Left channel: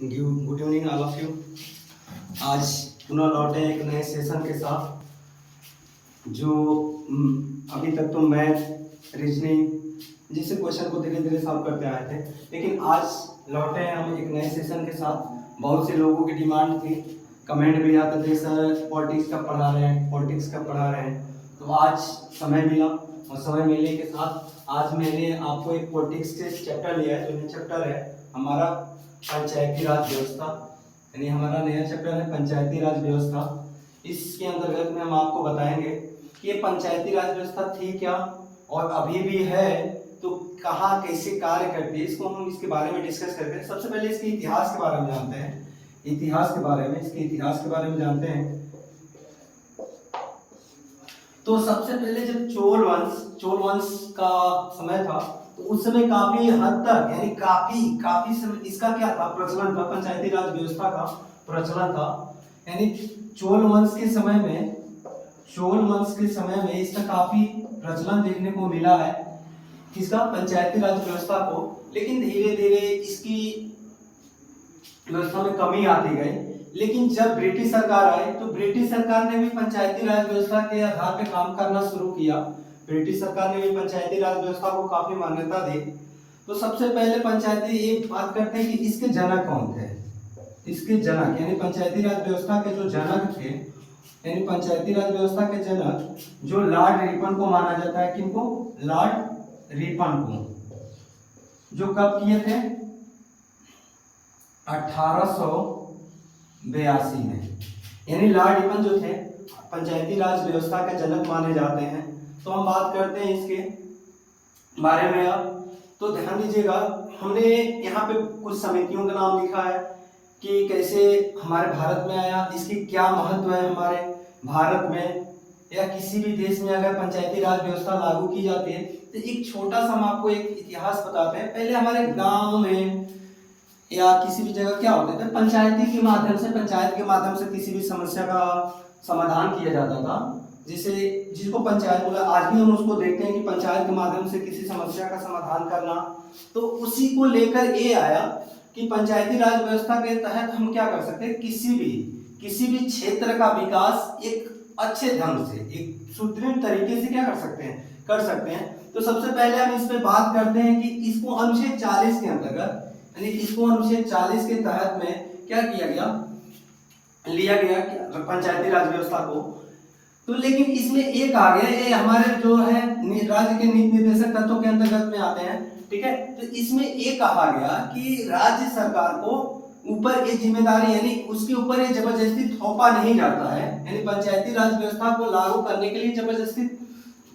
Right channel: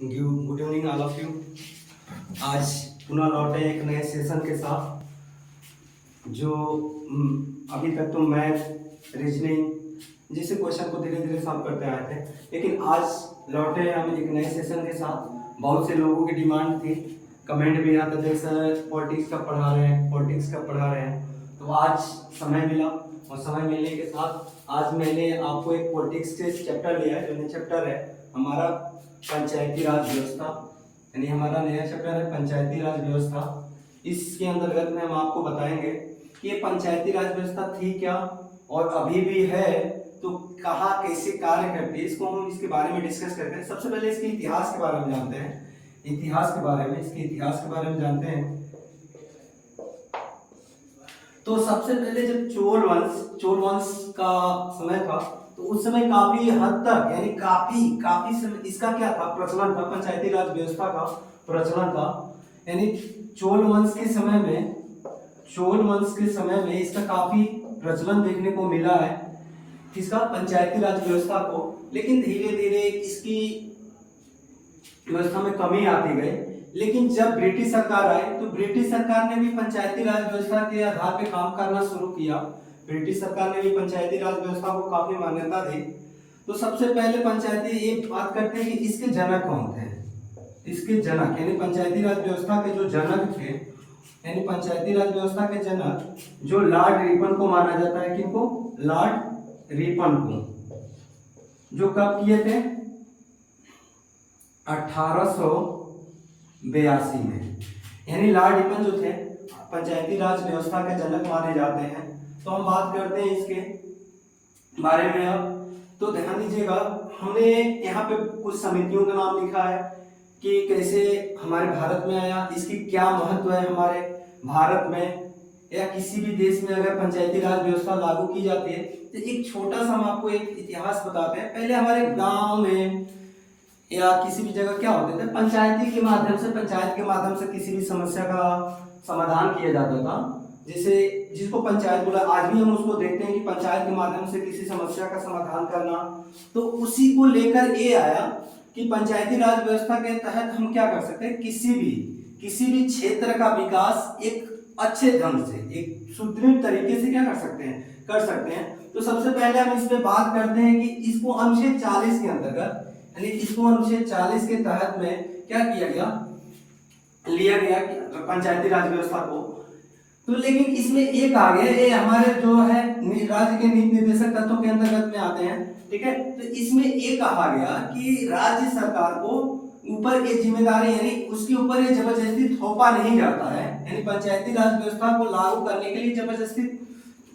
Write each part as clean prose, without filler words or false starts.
Good evening all of you. आज पुनः लौटे एक नए सेशन के साथ जो अभी तक तो मैथ रीजनिंग जैसे क्वेश्चन को धीरे धीरे सॉल्व करते आए थे, लेकिन आज लौटे हैं हम एक नए सेशन के साथ। बहुत से लोगों की डिमांड थी, कमेंट भी आते थे सर पॉलिटिक्स कब पढ़ा रहे हैं, पॉलिटिक्स कब पढ़ा रहे हैं। तो आज समय मिला और समय मिलने के साथ आज मैंने आपको एक पॉलिटिक्स के चैप्टर लिया है। जो चैप्टर है हमारा पंचायती राज व्यवस्था, यानी हमारा नया चैप्टर है पंचायती राज व्यवस्था। इसके अंतर्गत में हम आपको बताएंगे कि ये पंचायती राज व्यवस्था थी क्या और अभी भी है तो कहाँ कैसे कार्य करती है, इसको हम इसके बारे में डिस्कस करते हैं। सबसे पहले इसके इतिहास के बारे में जानते हैं, इतिहास के बारे में, इसके इतिहास के बारे में जानते हैं। तो सबसे पहले जब चोल वंश का समय था तो उस समय काफी हद तक यानी काफी समय इसका क्या था, प्रचलन था, पंचायती राज व्यवस्था का प्रचलन था। यानी चोल वंश के समय में इसका काफी प्रचलन देखने को मिला है, किसका, पंचायती राज व्यवस्था को। लेकिन धीरे धीरे इसकी व्यवस्था में कमी आती गई। लेकिन जब ब्रिटिश सरकार आए तो ब्रिटिश सरकार ने भी पंचायती राज व्यवस्था के आधार पे काम करना शुरू किया। ब्रिटिश सरकार ने भी पंचायती राज व्यवस्था को काफी मान्यता दी। तो सबसे पहले पंचायती एक बात करते हैं कि इसके जनक कौन थे। इसके जनक यानी पंचायती राज व्यवस्था के जो जनक थे, यानी पंचायती राज व्यवस्था के जनक जो लॉर्ड रिपन को माना जाता है, किनको, लॉर्ड रिपन को, जो कब किए थे, 1882 में। यानी लॉर्ड रिपन जो थे पंचायती राज व्यवस्था के जनक माने जाते हैं। तो हम बात करते हैं इसके बारे में अब। तो ध्यान दीजिएगा, हमने यहाँ पे कुछ समितियों का नाम लिखा है कि कैसे हमारे भारत में आया, इसकी क्या महत्व है हमारे भारत में या किसी भी देश में अगर पंचायती राज व्यवस्था लागू की जाती है। तो एक छोटा सा हम आपको एक इतिहास बताते हैं। पहले हमारे गांव में या किसी भी जगह क्या होते थे, पंचायत के माध्यम से किसी भी समस्या का समाधान किया जाता था। जैसे जिसको पंचायत बोला, आज भी हम उसको देखते हैं कि पंचायत के माध्यम से किसी समस्या का समाधान करना। तो उसी को लेकर ये आया कि पंचायती राज व्यवस्था के तहत हम क्या कर सकते हैं, किसी भी क्षेत्र का विकास एक अच्छे ढंग से, एक सुदृढ़ तरीके से क्या कर सकते हैं। तो सबसे पहले हम इस पे बात करते हैं कि इसको अनुच्छेद 40 के अंतर्गत, यानी इसको अनुच्छेद 40 के तहत में क्या लिया गया पंचायती राज व्यवस्था को। तो लेकिन इसमें एक आ गया, ये हमारे जो है राज्य के नीति निर्देशक तत्वों के अंतर्गत में आते हैं, ठीक है। तो इसमें एक कहा गया कि राज्य सरकार को ऊपर ये जिम्मेदारी, यानी उसके ऊपर ये जबरदस्ती थोपा नहीं जाता है। यानी पंचायती राज व्यवस्था को लागू करने के लिए जबरदस्ती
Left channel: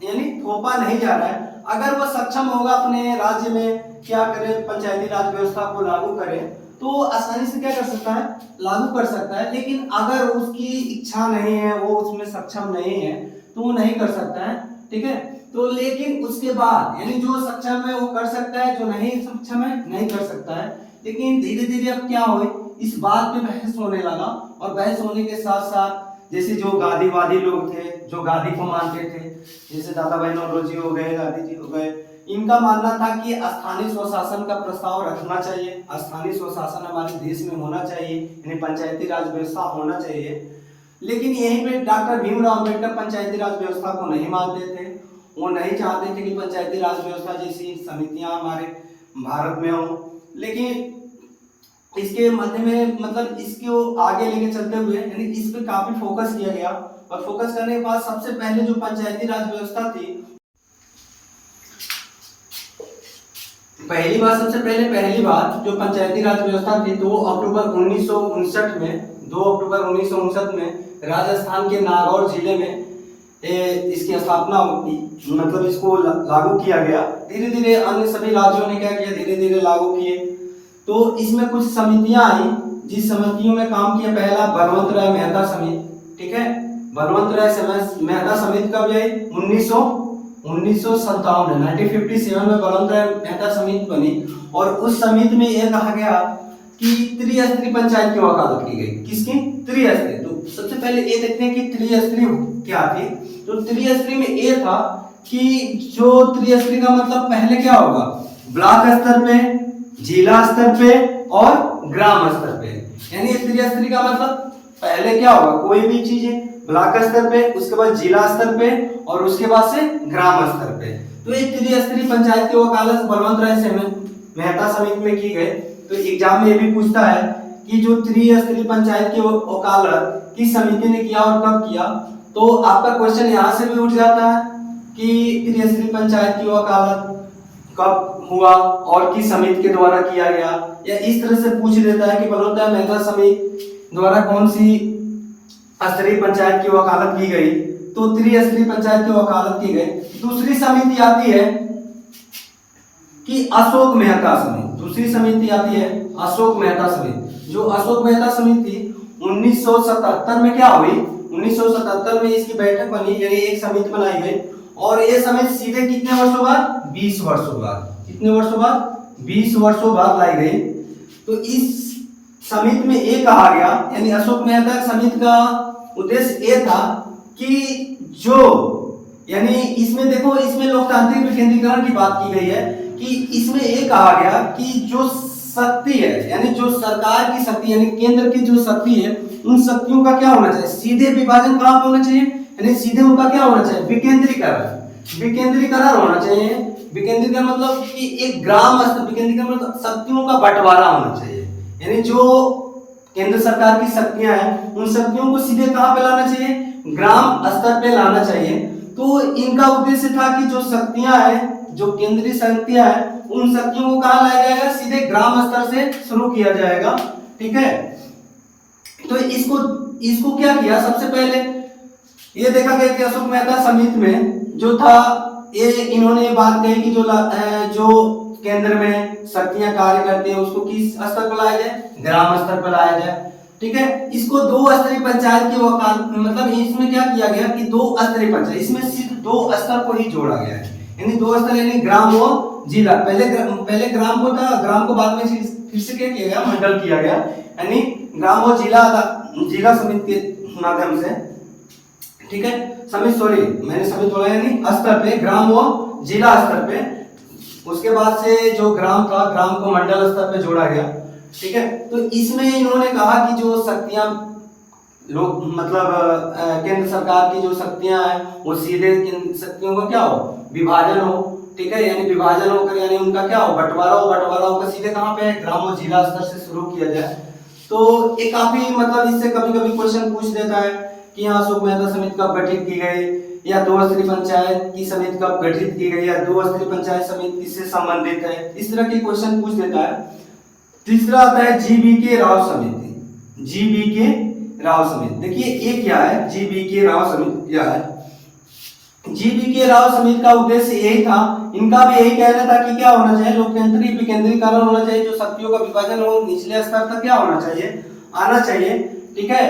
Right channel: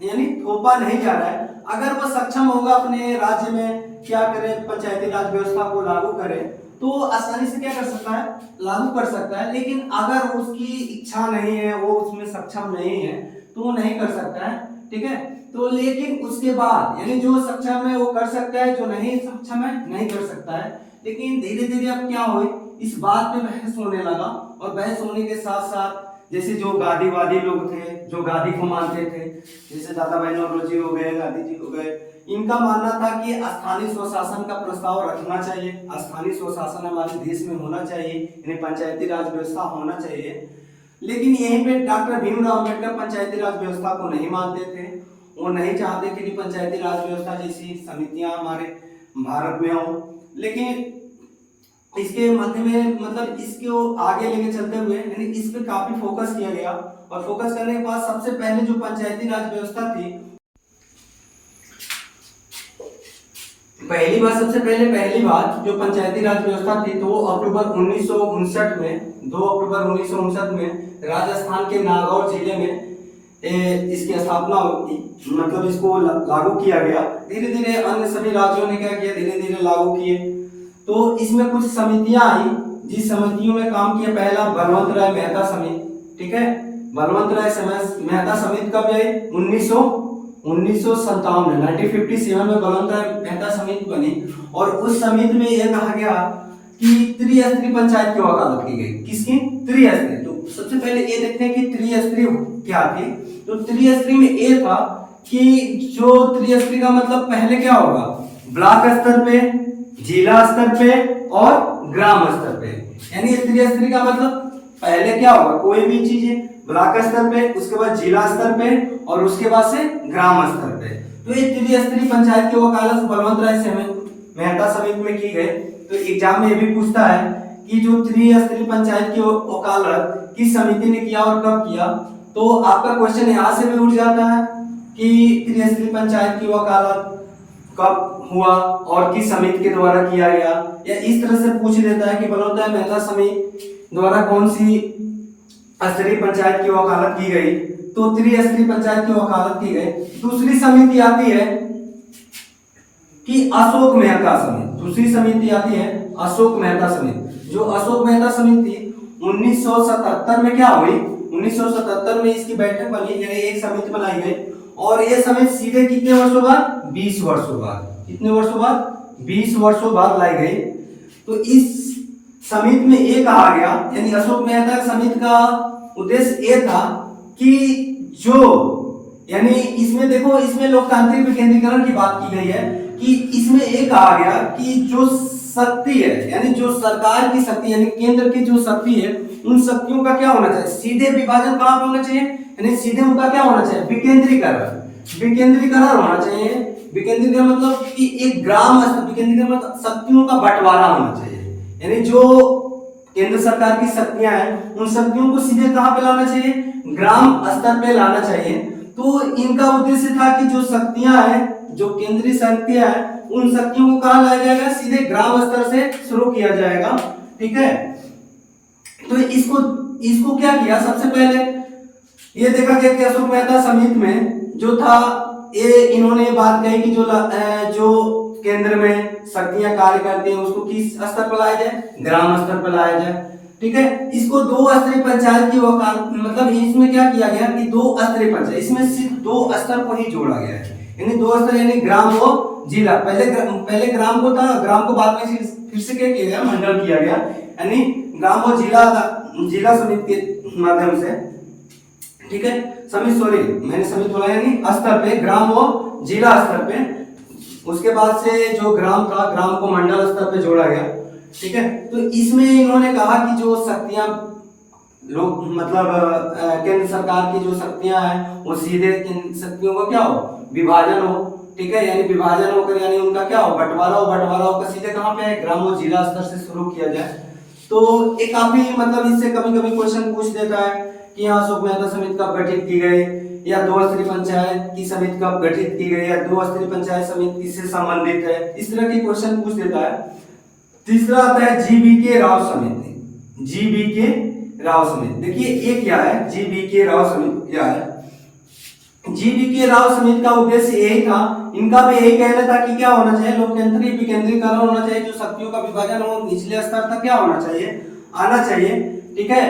यानी थोपा नहीं जा रहा है। अगर वो सक्षम होगा अपने राज्य में क्या करे, पंचायती राज व्यवस्था को लागू करे, तो आसानी से क्या कर सकता है, लागू कर सकता है। लेकिन अगर उसकी इच्छा नहीं है, वो उसमें सक्षम नहीं है, तो वो नहीं कर सकता है, ठीक है। तो लेकिन उसके बाद यानी जो सक्षम है वो कर सकता है, जो नहीं सक्षम है नहीं कर सकता है। लेकिन धीरे धीरे अब क्या हुए, इस बात पे बहस होने लगा, और बहस होने के साथ साथ जैसे जो गांधीवादी लोग थे, जो गांधी को मानते थे, जैसे दादा भाई नौरोजी हो गए, गांधी जी हो गए, इनका मानना था कि स्थानीय स्वशासन का प्रस्ताव रखना चाहिए, स्थानीय स्वशासन हमारे देश में होना चाहिए, यानी पंचायती राज व्यवस्था होना चाहिए। लेकिन यहीं पे डॉक्टर भीमराव अंबेडकर पंचायती राज व्यवस्था को नहीं मानते थे। वो नहीं चाहते थे कि पंचायती राज व्यवस्था जैसी समितियां हमारे भारत में हो। लेकिन इसके मध्य में मतलब इसको आगे लेके चलते हुए यानी इस पे काफी फोकस किया गया, और फोकस करने के बाद सबसे पहले जो पंचायती राज व्यवस्था थी, पहली बात जो पंचायती राज व्यवस्था थी 2 अक्टूबर 1959 में राजस्थान के नागौर जिले में इसकी स्थापना हुई, मतलब इसको लागू किया गया। धीरे धीरे अन्य सभी राज्यों ने क्या किया, धीरे धीरे लागू किए। तो इसमें कुछ समितियां आई, जिस समितियों में काम किया, पहला बलवंत राय मेहता समिति, ठीक है। बलवंत राय मेहता समिति कब आई, 1957 में बलवंत राय मेहता समिति बनी। और उस समिति में यह कहा गया कि त्रिस्तरीय पंचायत की वकालत की गई। किसकी, त्रिस्तरीय। तो सबसे पहले ये देखते हैं कि त्रिस्तरीय क्या थी। तो त्रिस्तरीय में ये था कि जो त्रिस्तरीय का मतलब पहले क्या होगा, ब्लॉक स्तर पे, जिला स्तर पे और ग्राम स्तर पे। यानी त्रिस्तरीय का मतलब पहले क्या होगा, कोई भी चीज है ब्लॉक स्तर पे, उसके बाद जिला स्तर पे और उसके बाद से ग्राम स्तर पे। तो ये त्रिस्तरीय पंचायत की वकालत बलवंत राय मेहता समिति में की गई। तो एग्जाम में ये भी पूछता है कि जो त्रिस्तरीय पंचायत की वकालत किस समिति ने किया और कब किया। तो आपका क्वेश्चन यहाँ से भी उठ जाता है कि त्रिस्तरीय पंचायत की वकालत कब हुआ और किस समिति के द्वारा किया गया, या इस तरह से पूछ लेता है कि बलवंत राय मेहता समिति द्वारा कौन सी स्तरीय पंचायत की वकालत की गई। तो त्रिस्तरीय पंचायत की वकालत की गई। दूसरी समिति आती है कि अशोक मेहता समिति। दूसरी समिति आती है अशोक मेहता समिति। जो अशोक मेहता समिति 1977 में क्या हुई, 1977 में इसकी बैठक बनी, यानी एक समिति बनाई गई। और ये समिति सीधे कितने वर्षों बाद, 20 वर्षों बाद, कितने वर्षों बाद, 20 वर्षों बाद लाई गई। तो इस समिति में ये कहा गया, यानी अशोक मेहता समिति का उद्देश्य ये था कि जो, यानी इसमें देखो, इसमें लोकतांत्रिक विकेंद्रीकरण की बात की गई है कि इसमें ये कहा गया कि जो शक्ति है, यानी जो सरकार की शक्ति, यानी केंद्र की जो शक्ति है, उन शक्तियों का क्या होना चाहिए, सीधे विभाजन कहाँ पे होना चाहिए, यानी सीधे उनका क्या होना चाहिए, विकेंद्रीकरण। विकेंद्रीकरण होना चाहिए। विकेंद्रीकरण मतलब कि एक ग्राम विकेंद्रीकरण मतलब शक्तियों का बंटवारा होना चाहिए। यानी जो केंद्र सरकार की शक्तियां हैं, उन शक्तियों को सीधे कहां पे लाना चाहिए, ग्राम स्तर पे लाना चाहिए। तो इनका उद्देश्य था कि जो शक्तियां हैं, जो केंद्रीय शक्तियां हैं, उन शक्तियों को कहां लाया जाएगा, सीधे ग्राम स्तर से शुरू किया जाएगा। ठीक है, तो इसको क्या किया, सबसे पहले ये देखा गया कि अशोक मेहता समिति में जो था, ये इन्होंने बात कही कि जो केंद्र में शक्तियां कार्य करती हैं उसको किस स्तर पर लाया जाए, ग्राम स्तर पर लाया जाए। ठीक है, इसको 2 स्तरीय पंचायत की वकालत, मतलब इसमें क्या किया गया कि 2 स्तरीय पंचायत, इसमें सिर्फ 2 स्तर को ही जोड़ा गया है। यानी 2 स्तर, यानी ग्राम व जिला। पहले ग्राम को था, ग्राम को बाद में फिर से क्या किया गया, मंडल किया गया। यानी ग्राम व जिला समिति के माध्यम से। ठीक है, मैंने समिति बोला, यानी स्तर पे, ग्राम व जिला स्तर पे। उसके बाद से जो ग्राम था, ग्राम को मंडल स्तर पे जोड़ा गया। ठीक है, तो इसमें इन्होंने कहा कि जो शक्तियां लोग, मतलब केंद्र सरकार की जो शक्तियां हैं, वो सीधे शक्तियों का क्या हो, विभाजन हो। ठीक है, यानी विभाजन होकर, यानी उनका क्या हो, बंटवारा होकर सीधे कहां पे, ग्राम और जिला स्तर से शुरू किया जाए। तो एक काफी, मतलब इससे कभी कभी क्वेश्चन पूछ देता है कि यहाँ अशोक मेहता समिति कब गठित की गई, या 2 स्तरीय पंचायत की समिति कब गठित की गई, या 2 स्तरीय पंचायत समिति किससे संबंधित है, इस तरह के क्वेश्चन पूछ देता है। तीसरा आता है जीबीके राव समिति। जीबीके राव समिति, देखिए ये क्या है, जीबीके राव समिति क्या है। जीबीके राव समिति का उद्देश्य यही था, इनका भी यही कहना था कि क्या होना चाहिए, लोकतांत्रिक विकेंद्रीकरण होना चाहिए, जो शक्तियों का विभाजन हो निचले स्तर तक क्या होना चाहिए, आना चाहिए। ठीक है,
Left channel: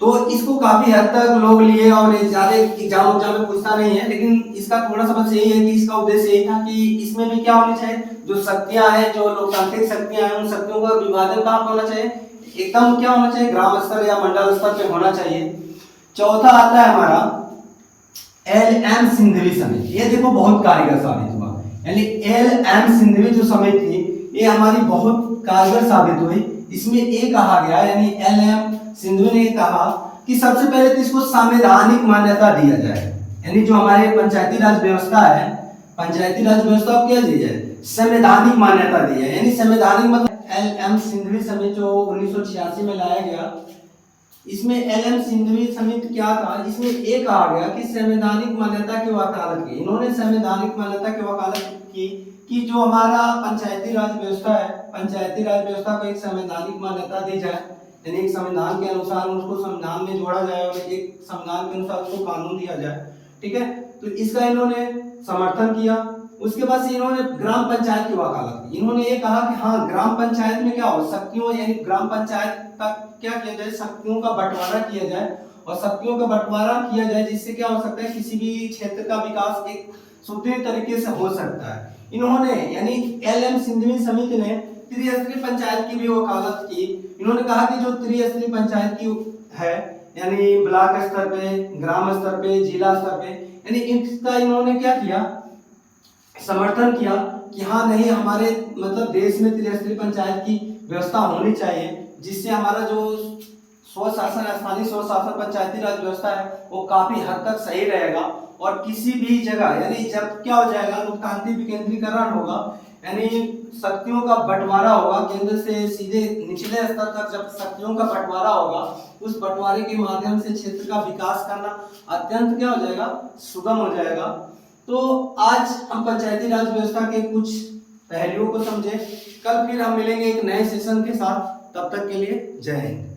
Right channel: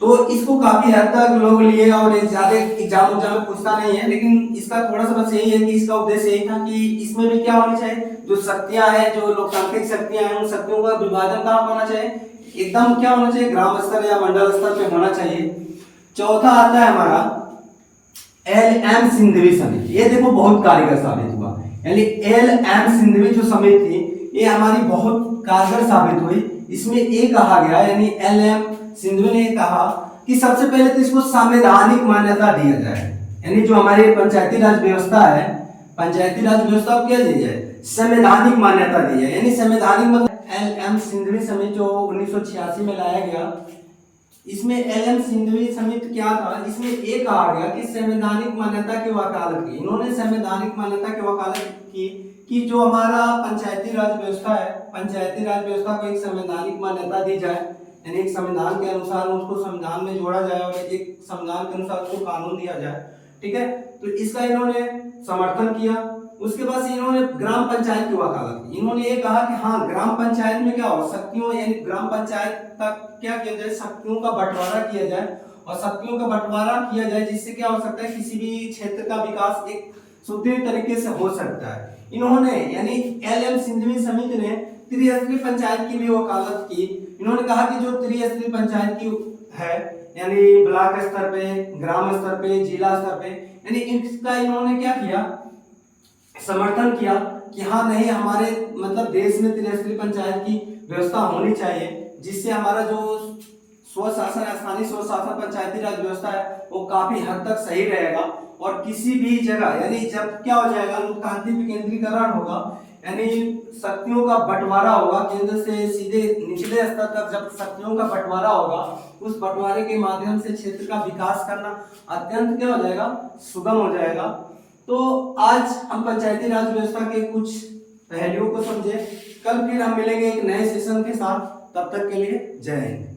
तो इसको काफी हद तक लोग लिए और ज्यादा एग्जाम में पूछता नहीं है, लेकिन इसका थोड़ा सा बस यही है कि इसका उद्देश्य यही था कि इसमें भी क्या होना चाहिए, जो शक्तियां हैं, जो लोकतांत्रिक शक्तियां हैं, उन शक्तियों का विभाजन कहाँ होना चाहिए, एकदम क्या होना चाहिए, ग्राम स्तर या मंडल स्तर पे होना चाहिए। चौथा आता है हमारा LM सिंधवी समिति। ये देखो बहुत कारगर साबित हुआ, यानी LM सिंधवी जो समिति थी, ये हमारी बहुत कारगर साबित हुई। इसमें ये कहा गया, यानी LM सिंधवी ने कहा कि सबसे पहले तो इसको संवैधानिक मान्यता दिया जाए। यानी जो हमारी पंचायती राज व्यवस्था है, पंचायती राज व्यवस्था को क्या दी जाए, संवैधानिक मान्यता दी है। यानी संवैधानिक मतलब LM सिंधवी समिति जो 1986 में लाया गया, इसमें LM सिंधवी समिति क्या था, इसमें एक कहा गया कि संवैधानिक मान्यता की वकालत की। इन्होंने संवैधानिक मान्यता की वकालत की कि जो हमारा पंचायती राज व्यवस्था है, पंचायती राज व्यवस्था को एक संवैधानिक मान्यता दी जाए, यानी एक संविधान के अनुसार उसको संविधान में जोड़ा जाए और एक संविधान के अनुसार उसको कानून दिया जाए। ठीक है, तो इसका इन्होंने समर्थन किया। उसके बाद से इन्होंने ग्राम पंचायत की वकालत की। इन्होंने ये कहा कि हाँ, ग्राम पंचायत में क्या हो, शक्तियों, यानी ग्राम पंचायत तक क्या किया जाए, शक्तियों का बंटवारा किया जाए, और शक्तियों का बंटवारा किया जाए जिससे क्या हो सकता है, किसी भी क्षेत्र का विकास एक सुदृढ़ तरीके से हो सकता है। इन्होंने, यानी LM सिंधवी समिति ने त्रिस्तरीय पंचायत की भी वकालत की। इन्होंने कहा कि जो त्रिस्तरीय पंचायत की है, यानी ब्लॉक स्तर पे, ग्राम स्तर पे, जिला स्तर पे, यानी इसका इन्होंने क्या किया, समर्थन किया कि हाँ नहीं, हमारे मतलब देश में त्रिस्तरीय पंचायत की व्यवस्था होनी चाहिए, जिससे हमारा जो स्वशासन स्थानीय स्वशासन पंचायती राज व्यवस्था है वो काफी हद तक सही रहेगा। और किसी भी जगह यानी जब क्या हो जाएगा, लोकतांत्रिक विकेंद्रीकरण होगा, यानी शक्तियों का बंटवारा होगा, केंद्र से सीधे निचले स्तर तक जब शक्तियों का बंटवारा होगा, उस बंटवारे के माध्यम से क्षेत्र का विकास करना अत्यंत क्या हो जाएगा, सुगम हो जाएगा। तो आज हम पंचायती राज व्यवस्था के कुछ पहलुओं को समझे। कल फिर हम मिलेंगे एक नए सेशन के साथ, तब तक के लिए जय हिंद।